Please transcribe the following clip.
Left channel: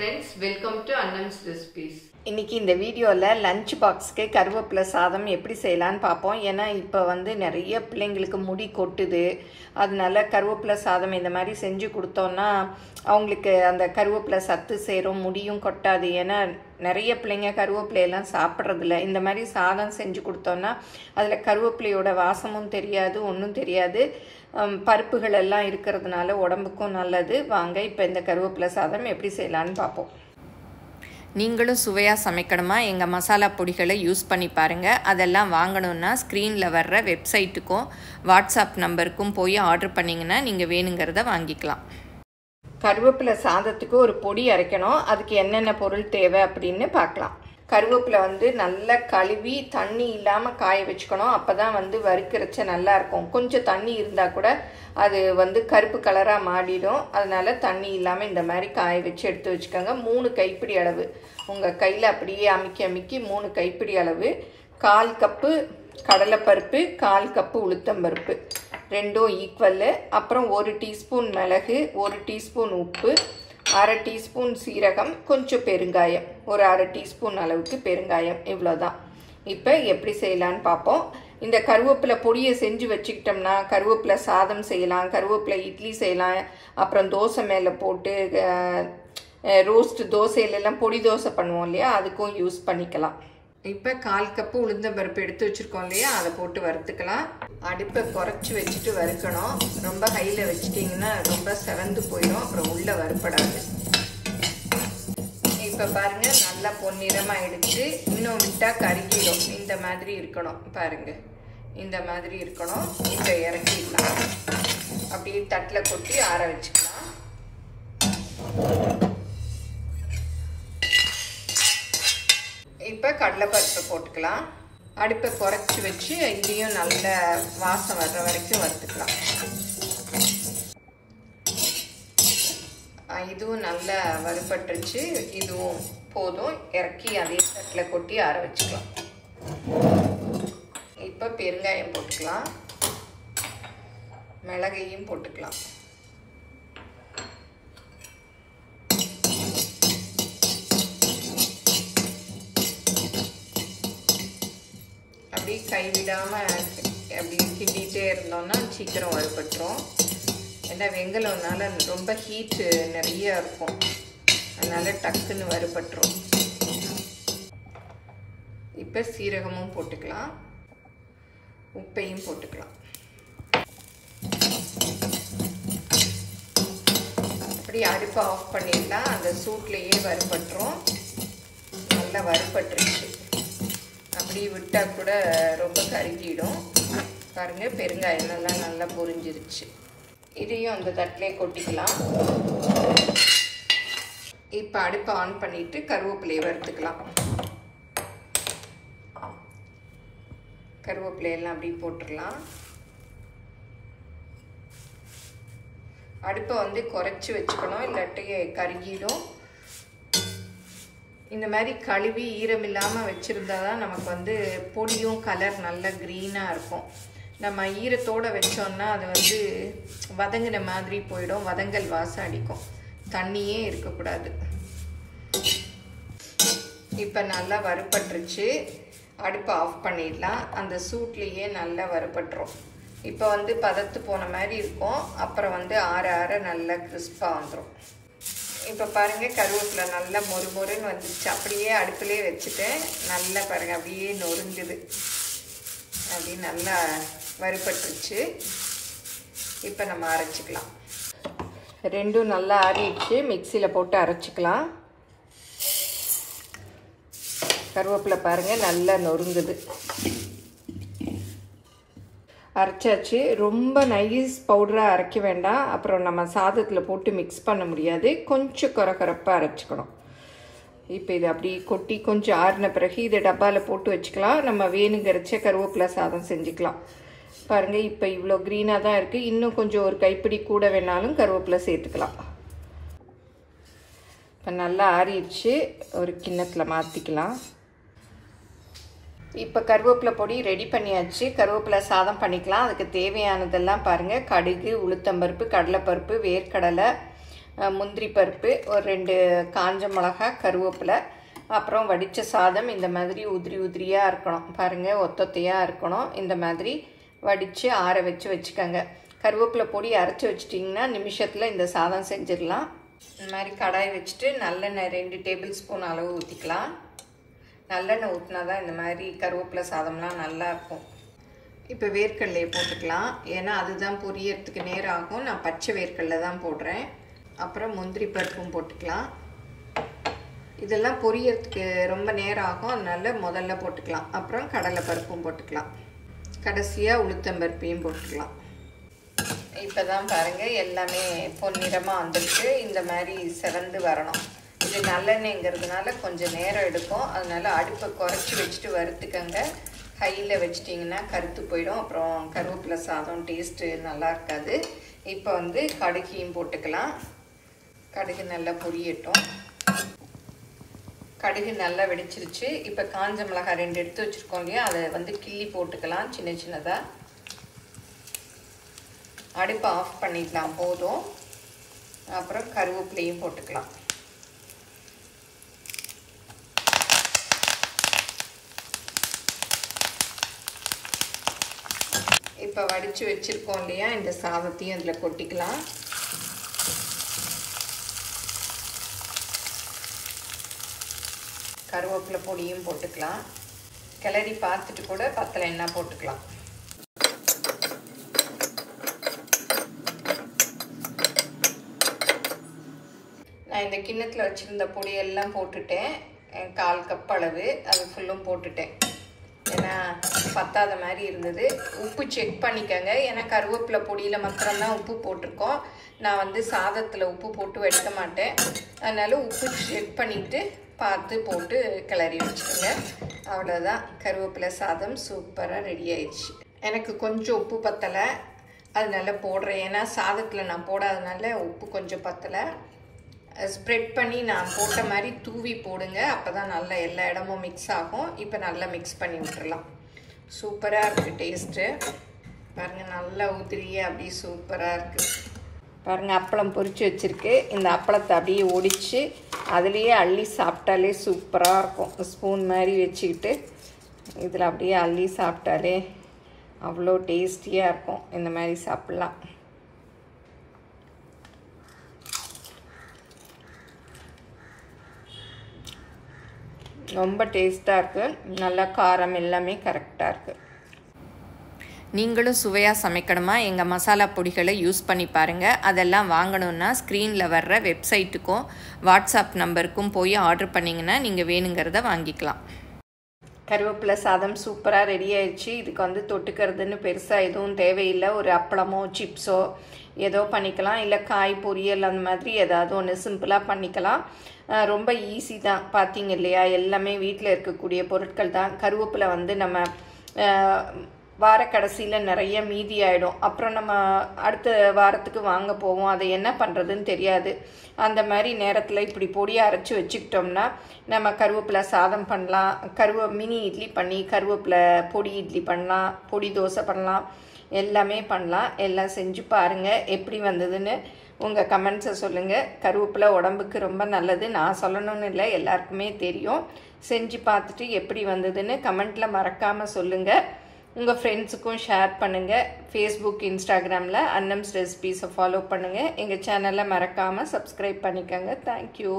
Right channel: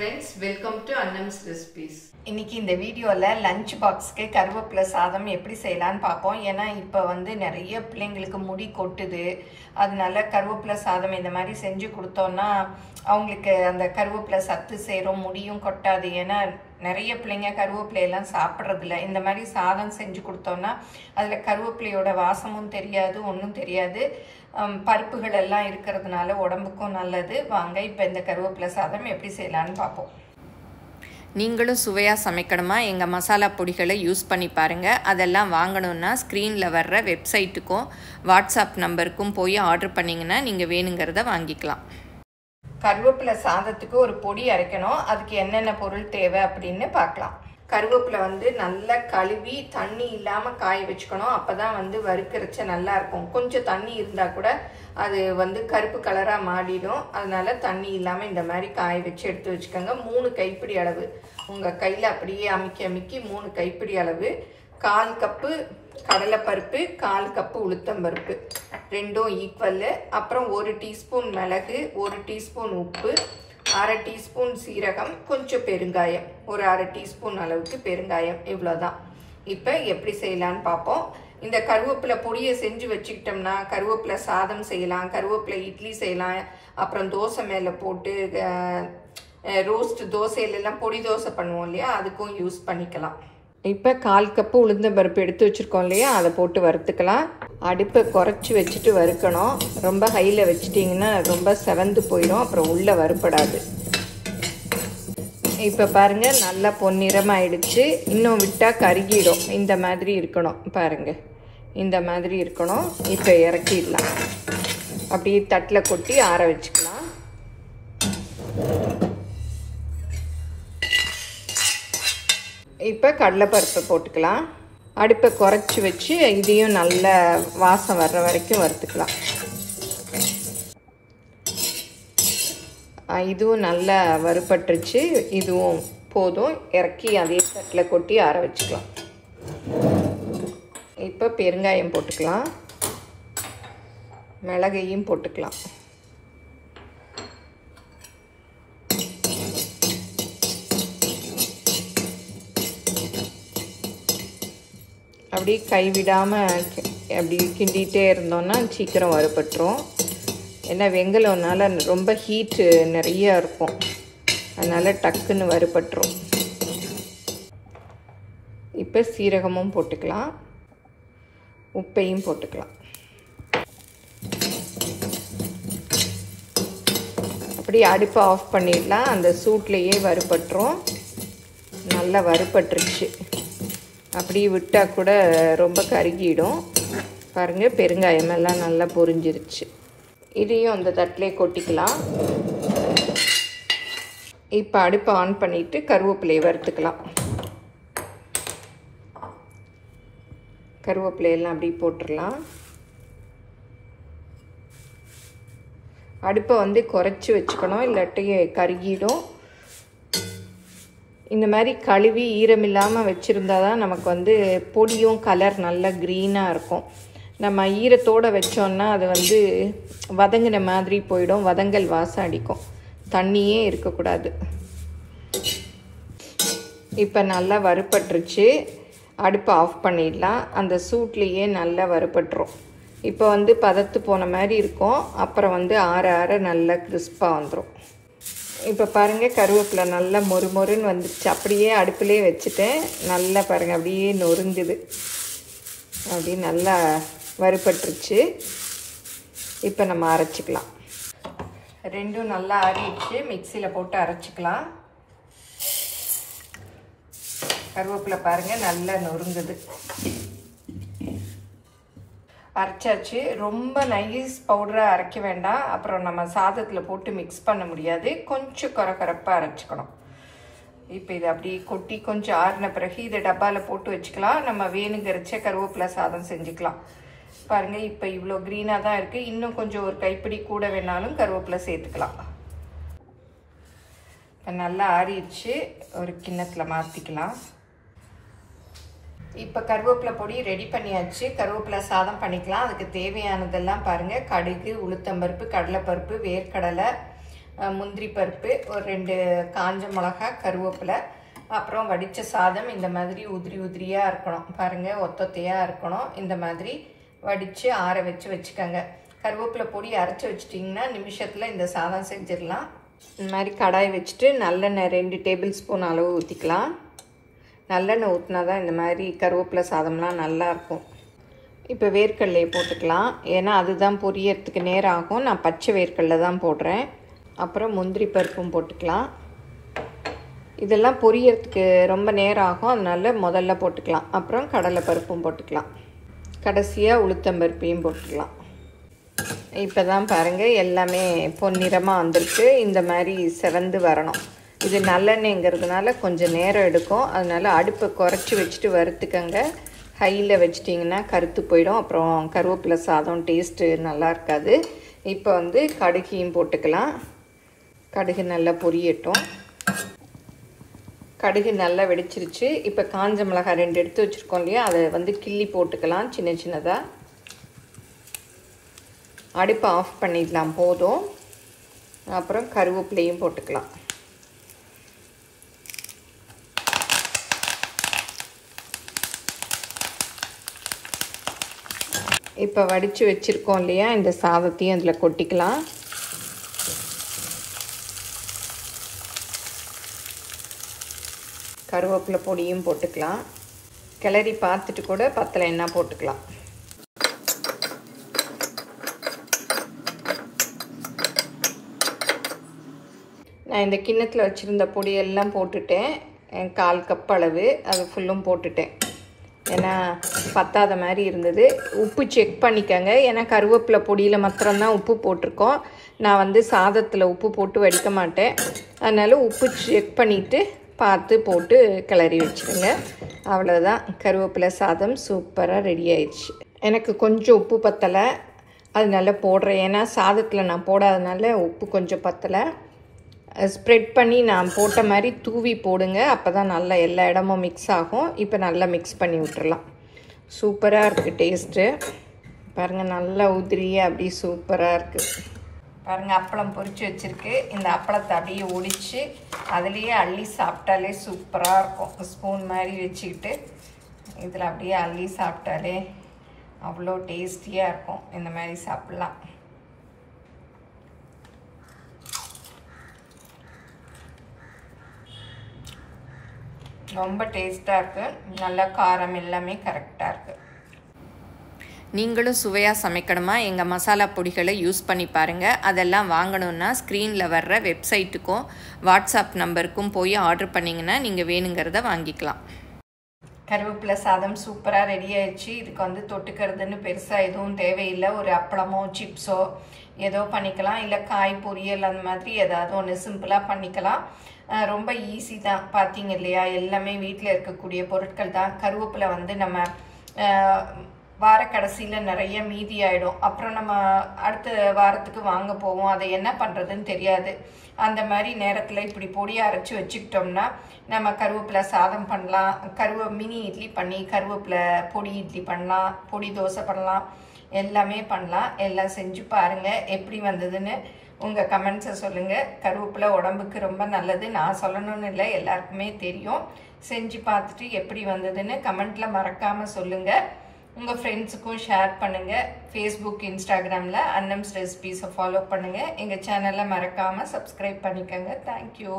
friends, welcome to Annam's Recipes. இன்னைக்கு இந்த வீடியோல லஞ்ச் பாக்ஸ்க்கு கருவேப்பிலை சாதம் எப்படி செய்யலாம்னு பாப்போம். ஏன்னா இப்போ வந்து நிறைய பிள்ளைங்களுக்கு முடி கொட்டுது. அதனால கருவேப்பிலை சாதம் இந்த மாதிரி செஞ்சு கொடுத்தோம்னா அவங்களுக்கு அந்த கருவேப்பிலை சத்து சேரும், முடியும் கொட்டாது. ஏன்னா நிறைய பிள்ளைங்க கருவேப்பிலை எல்லாம் சாப்பிட்றது இல்லை. இந்த மாதிரி சாதம் செஞ்சு கொடுத்தோம்னா அதில் கருவேப்பிலையோட வாசமும் தெரியாது, ஒன்றும் தெரியாது. பருப்புகள் எல்லாம் இருக்கிறதுனால உடம்புக்கும் நல்லது. வாங்க இப்போ இந்த கருவேப்பிலை சாதம் எப்படி செய்யலான்னு பார்ப்போம். நீங்களும் சுவையாக சமைக்கணுமா? எங்கள் மசாலா பொடிகளை யூஸ் பண்ணி பாருங்கள். அதெல்லாம் வாங்கணுன்னா ஸ்க்ரீனில் வர்ற வெப்சைட்டுக்கும் வாட்ஸ்அப் நம்பருக்கும் போய் ஆர்டர் பண்ணிங்கன்னா நீங்கள் வேணுங்கிறத வாங்கிக்கலாம். கருவேப்பிலை சாதத்துக்கு ஒரு பொடி அரைக்கணும். அதுக்கு என்னென்ன பொருள் தேவை அப்படின்னு பார்க்கலாம். கருவேப்பிலை வந்து நல்லா கழுவி தண்ணி இல்லாமல் காய வச்சுக்கணும். அப்போ தான் வந்து வறுக்கிறச்ச நல்லா இருக்கும். கொஞ்சம் தண்ணி இருந்தால் கூட அது வந்து கருப்பு கலராக மாறிடும். அதனால தண்ணி இல்லாமல் இந்த மாதிரி காய வச்சு எடுத்து வச்சுக்கோங்க. 3 கைப்பிடி அளவு உங்கள் கையில் அப்படியே அமுக்கி 3 கைப்பிடி அளவு. 1/4 கப்பு கடலைப்பருப்பு, 1/4 கப்பு உளுத்தம்பருப்பு, ரெண்டும் ஈக்குவல்லு. அப்புறம் 1 டீஸ்பூன் மிளகு, 1 டீஸ்பூன் உப்பு, 1/2 டீஸ்பூன் சீரகம், கொஞ்சம் பெருங்காயம், ஒரு 1/2 டீஸ்பூன் அளவுக்கு பெருங்காயம். இவ்வளோதான். இப்போ எப்படி செய்யலான்னு பார்ப்போம். இந்த கருவேப்பிலை பொடியை செஞ்சு வச்சுக்கிட்டோம்னா கருவேப்பிலை சாதம் செய்யலாம், கருவேப்பிலை இட்லி செய்யலாம். அப்புறம் தோசை மேலே போட்டு ரோஸ்ட் தோசையிலெல்லாம் பொடி தோசை பண்ணுவோம் இல்லையா, அதுக்கும் யூஸ் பண்ணிக்கலாம். இப்போ 1/4 கப்பு உளுந்தம்பருப்பு எடுத்து வச்சுருக்கோம் இல்லையா, அதை போட்டு வறுத்துக்கலாம். அடுப்பை குறைச்சி வச்சுட்டு வறுக்கணும். ரொம்ப ஹையில் வச்சிட்டிங்கன்னா ரொம்ப செவந்து போயிடும், அப்புறம் உள்ளே வறுப்படாது. இப்போ பாருங்கள், நல்லா பொன்னிறமாயிடுச்சு. இன்னும் விட்டால் கருகிடும். இந்த மாதிரி இருக்கணும். பாருங்கள், இந்த மாதிரி இருக்கணும். இப்போ இறக்கிடலாம். அப்படியே தட்டில் கொட்டி ஆற வச்சுக்கலாம். இப்போ கடலைப்பருப்பை போட்டுக்கலாம். அடுப்பை குறைச்சி வச்சு இதையும் நல்ல வாசம் வர்ற வரைக்கும் வறுத்துக்கலாம். இதுவும் நல்லா வறுபட்டுருச்சு. இதுவும் போதும். இறக்கி அதே தட்டில் கொட்டி ஆற வச்சுக்கலாம். இப்போ பெருங்காயம் போட்டுக்கலாம், மிளகையும் போட்டுக்கலாம். அப்படி கைவிடாமல் அப்படி கிண்டிகிட்டே இருந்தோம்னா சீக்கிரம் வறுபட்டுரும். ஏன்னா வெங்கலம்னால ரொம்ப ஹீட்டு நிறைய இருக்கும், அதனால் டக்குன்னு வறுபட்டுரும். இப்போ சீரகமும் போட்டுக்கலாம், உப்பையும் போட்டுக்கலாம். அப்படி அடுப்பை ஆஃப் பண்ணிடலாம். அந்த சூட்லேயே வறுபட்டுரும். நல்லா வறுபட்டுருச்சு. அப்படி விட்டால் கூட ரொம்ப கருகிடும். பாருங்கள், பெருங்காயம் எல்லாம் நல்லா பொரிஞ்சிருச்சு. இதையும் அந்த தட்டிலே கொட்டிக்கலாம். இப்போ அடுப்பை ஆன் பண்ணிவிட்டு கருவேப்பிலையை வறுத்துக்கலாம். கருவேப்பிலையெல்லாம் அப்படி போட்டுடலாம். அடுப்பை வந்து குறைச்சி வச்சுக்கணும், இல்லாட்டி கருகிடும். இந்த மாதிரி கழுவி ஈரம் இல்லாமல் வச்சுருந்தா தான் நமக்கு வந்து பொடியும் கலர் நல்லா க்ரீனாக இருக்கும். நம்ம ஈரத்தோடு வச்சோன்னா அது வந்து வதங்கின மாதிரி போயிடும், வதங்கல் வாசம் அடிக்கும். தண்ணியே இருக்கக்கூடாது. இப்போ நல்லா வறுபட்டுருச்சு. அடுப்பை ஆஃப் பண்ணிடலாம். அந்த சூட்லேயே நல்லா வறுபட்டுரும். இப்போ வந்து பதத்து போன மாதிரி இருக்கும். அப்புறம் வந்து ஆற ஆற நல்லா கிறிஸ்பாக வந்துடும். இப்போ பாருங்கள், கருவேப்பிலை நல்லா மொறுமொறுன்னு வந்துடுச்சு. அப்படியே அடுப்பிலே வச்சுட்டேன். நல்லா பாருங்கள், அப்படியே நொறுங்குது. அப்படியே நல்லா வறுபட்டுருச்சு. இப்போ நம்ம அரைச்சிக்கலாம். ரெண்டும் நல்லா ஆறிடுச்சு. மிக்சியில் போட்டு அரைச்சிக்கலாம். கருவேப்பிலை பாருங்கள் நல்லா நொறுங்குது. அரைச்சாச்சு. ரொம்ப நைஸ் பவுடராக அரைக்க வேண்டாம், அப்புறம் நம்ம சாதத்தில் போட்டு மிக்ஸ் பண்ண முடியாது. கொஞ்சம் கரகரப்பாக அரைச்சிக்கணும். இப்போ இதை அப்படியே கொட்டி கொஞ்சம் ஆறின பிறகு இதை டப்பாவில் போட்டு வச்சுக்கலாம். நம்ம வேணுங்கிறச்ச கருவேப்பிலை சாதம் செஞ்சுக்கலாம். பாருங்கள், இப்போ இவ்வளோ க்ரீனாக தான் இருக்குது. இன்னும் கொஞ்சம் ஒரு கைப்பிடி கூட வேணாலும் கருவேப்பிலை சேர்த்துக்கலாம். இப்போ நல்லா ஆறிடுச்சு. ஒரு கிண்ணத்தில் மாற்றிக்கலாம். இப்போ கருவேப்பிலை பொடி ரெடி பண்ணியாச்சு. கருவேப்பிலை சாதம் பண்ணிக்கலாம். அதுக்கு தேவையானதெல்லாம் பாருங்கள். கடுகு, உளுத்தம்பருப்பு, கடலைப்பருப்பு, வேர்க்கடலை, முந்திரி பருப்பு, ஒரு 2 காஞ்ச மிளகாய், கருவேப்பிலை, அப்புறம் வடித்த சாதம். இந்த மாதிரி உதிரி உதிரியாக இருக்கணும் பாருங்கள், ஒத்தொத்தையாக இருக்கணும். இந்த மாதிரி வடித்து ஆற வச்சு வச்சுக்கோங்க. கருவேப்பிலை பொடி அரைச்சி வச்சிட்டிங்கன்னா நிமிஷத்தில் இந்த சாதம் செஞ்சிடலாம். இந்த மாதிரி கடாய் வச்சுட்டு நல்லெண்ணெய் 2 டேபிள் ஸ்பூன் அளவு ஊற்றிக்கலாம். நல்லெண்ணெய் ஊற்றினா தான் இந்த மாதிரி கருவேப்பிலை சாதம்லாம் நல்லாயிருக்கும். இப்போ வேர்க்கடலையை போட்டுக்கலாம், ஏன்னா அதுதான் பொரியறதுக்கு நேரம் ஆகும். நான் பச்சை வேர்க்கடலை தான் போடுறேன். அப்புறம் முந்திரி பருப்பும் போட்டுக்கலாம். இதெல்லாம் பொரியறதுக்கு ரொம்ப நேரம் ஆகும், அதனால முதல்ல போட்டுக்கலாம். அப்புறம் கடலை பருப்பும் போட்டுக்கலாம். கடைசியாக உளுத்தம்பருப்பையும் போட்டுக்கலாம். இப்போ தான் பாருங்கள் எல்லாமே பொன்னிறமாக வந்திருக்கு. இந்த மாதிரி செவந்து வரணும். இது நல்லெண்ணெய்ங்கிறதுனால கொஞ்சம் நேரம் எடுக்கும், அதனால் அடுப்பை குறைச்சி வச்சுட்டு வறுத்துக்கங்க. ஹையில் வச்சிட்டிங்கன்னா கருத்து போயிடும், அப்புறம் கருவேப்பிலை சாதம் டேஸ்ட்டு நல்லா இருக்காது. இப்போ கடுகையும் போட்டுக்கலாம். கடுகு நல்லா பொரியட்டும். கடுகு நல்லா வெடிச்சிருச்சு. இப்போ காஞ்ச மிளகாய் 2 எடுத்து வச்சுருக்கோம் இல்லையா, அதை கிள்ளி போட்டுக்கலாம் சின்ன சின்னதாக. அடுப்பை ஆஃப் பண்ணிடலாம், போதும். அப்புறம் கருவேப்பிலையும் போட்டுக்கலாம். இப்போ வடித்து வச்சுருக்கோம் இல்லையா, இந்த சாதத்தையும் அதில் கொட்டிக்கலாம். கருவேப்பிலை பொடியும் போட்டுக்கலாம். கிளறி பார்த்துட்டு கூட பத்தலைன்னா போட்டுக்கலாம். நான் இந்த கிண்ணத்தில் வச்சுருந்த பொடியெல்லாம் போட்டுட்டேன். 1/4 கப் அளவு அது ஃபுல்லும் போட்டுட்டேன், ஏன்னா பத்தாத மாதிரி இருந்தது. உப்பு செக் பண்ணிக்கோங்க, ஏன்னா கருவேப்பிலை பொடியில் மாத்திரம்தான் உப்பு போட்டிருக்கோம். நான் சாதத்தில் உப்பு போட்டு வடிக்க மாட்டேன், அதனால் உப்பு செக் பண்ணிவிட்டு பார்த்து போட்டு கிளறி வச்சுக்கோங்க. அவ்வளோதான், கருவேப்பிலை சாதம் சூப்பராக ரெடி ஆயிடுச்சு. எனக்கு கொஞ்சம் உப்பு பத்தலை, அதனால போடுறேன். ஏன்னா சாதத்தில் நான் போடாதனால உப்பு கொஞ்சம் பத்தலை. ஸ்ப்ரெட் பண்ணி நான் போட்ட மாதிரி தூவி போடுங்க, அப்போ தான் நல்லா எல்லா இடமும் மிக்ஸ் ஆகும். இப்போ நல்லா மிக்ஸ் பண்ணி விட்டுறலாம். சூப்பராக இருக்குது டேஸ்ட்டு. பாருங்கள், நல்லா உதிரியாக அப்படி சூப்பராக இருக்குது. பாருங்கள், அப்பளம் பொரிச்சு வச்சுருக்கு. இந்த அப்பளத்தை அப்படியே ஒடிச்சு அதுலேயே அள்ளி சாப்பிட்டாலே சூப்பராக இருக்கும். ஸ்பூன் மாதிரி வச்சுக்கிட்டு இதில் அப்படியே அள்ளி சாப்பிட்டாலே அவ்வளோ டேஸ்டியாக இருக்கும். இந்த மாதிரி சாப்பிட்லாம். ரொம்ப டேஸ்ட்டாக இருக்குது. நல்லா காரம் எல்லாமே கரெக்டாக இருக்குது. நீங்களும் சுவையாக சமைக்கணுமா, எங்கள் மசாலா பொடிகளை யூஸ் பண்ணி பாருங்கள். அதெல்லாம் வாங்கணுன்னா ஸ்க்ரீனில் வர்ற வெப்சைட்டுக்கும் வாட்ஸ்அப் நம்பருக்கும் போய் ஆர்டர் பண்ணிங்கன்னா நீங்கள் வேணுங்கிறத வாங்கிக்கலாம். கருவேப்பிலை சாதம் சூப்பராக ரெடி ஆயிடுச்சு. இதுக்கு தொட்டுக்கிறதுன்னு பெருசாக எதுவும் தேவையில்லை. ஒரு அப்பளமோ சிப்ஸோ ஏதோ பண்ணிக்கலாம், இல்லை காய் பொரியல் அந்த மாதிரி ஏதாவது ஒன்று சிம்பிளாக பண்ணிக்கலாம். ரொம்ப ஈஸி தான். பார்த்தீங்க இல்லையா, எல்லாமே வீட்டில் இருக்கக்கூடிய பொருட்கள் தான். கருவேப்பிலை நம்ம வார கடைசியில் நிறைய மீதி ஆகிடும். அப்புறம் நம்ம அடுத்த வாரத்துக்கு வாங்க போவோம், அதை என்ன பண்ணுறதுன்னு தெரியாது. அந்த மாதிரி நேரத்தில் இப்படி பொடியை அரைச்சி வச்சுக்கிட்டோம்னா நம்ம கருவேப்பிலை சாதம் பண்ணலாம், மினி இட்லி பண்ணி கருவேப்பிலை பொடி இட்லி பண்ணலாம், பொடி தோசை பண்ணலாம், எல்லாமே பண்ணலாம். எல்லாம் செஞ்சு பாருங்கள், எப்படி வந்ததுன்னு உங்கள் கமெண்ட்ஸை சொல்லுங்கள். கருவேப்பிலை உடம்புக்கு ரொம்ப நல்லது, நான் சொல்லணும்னு இல்லை, எல்லாருக்குமே தெரியும். செஞ்சு பார்த்துட்டு எப்படி வந்ததுன்னு கமெண்ட்டில் மறக்காமல் சொல்லுங்கள். உங்கள் ஃப்ரெண்ட்ஸுக்கும் ஷேர் பண்ணுங்கள். ஃபேஸ்புக், இன்ஸ்டாகிராமில் அன்னம்ஸ் ரெசிபீஸை ஃபாலோ பண்ணுங்கள். எங்கள் சேனலை மறக்காமல் சப்ஸ்கிரைப் பண்ணிக்கோங்க. தேங்க்யூ.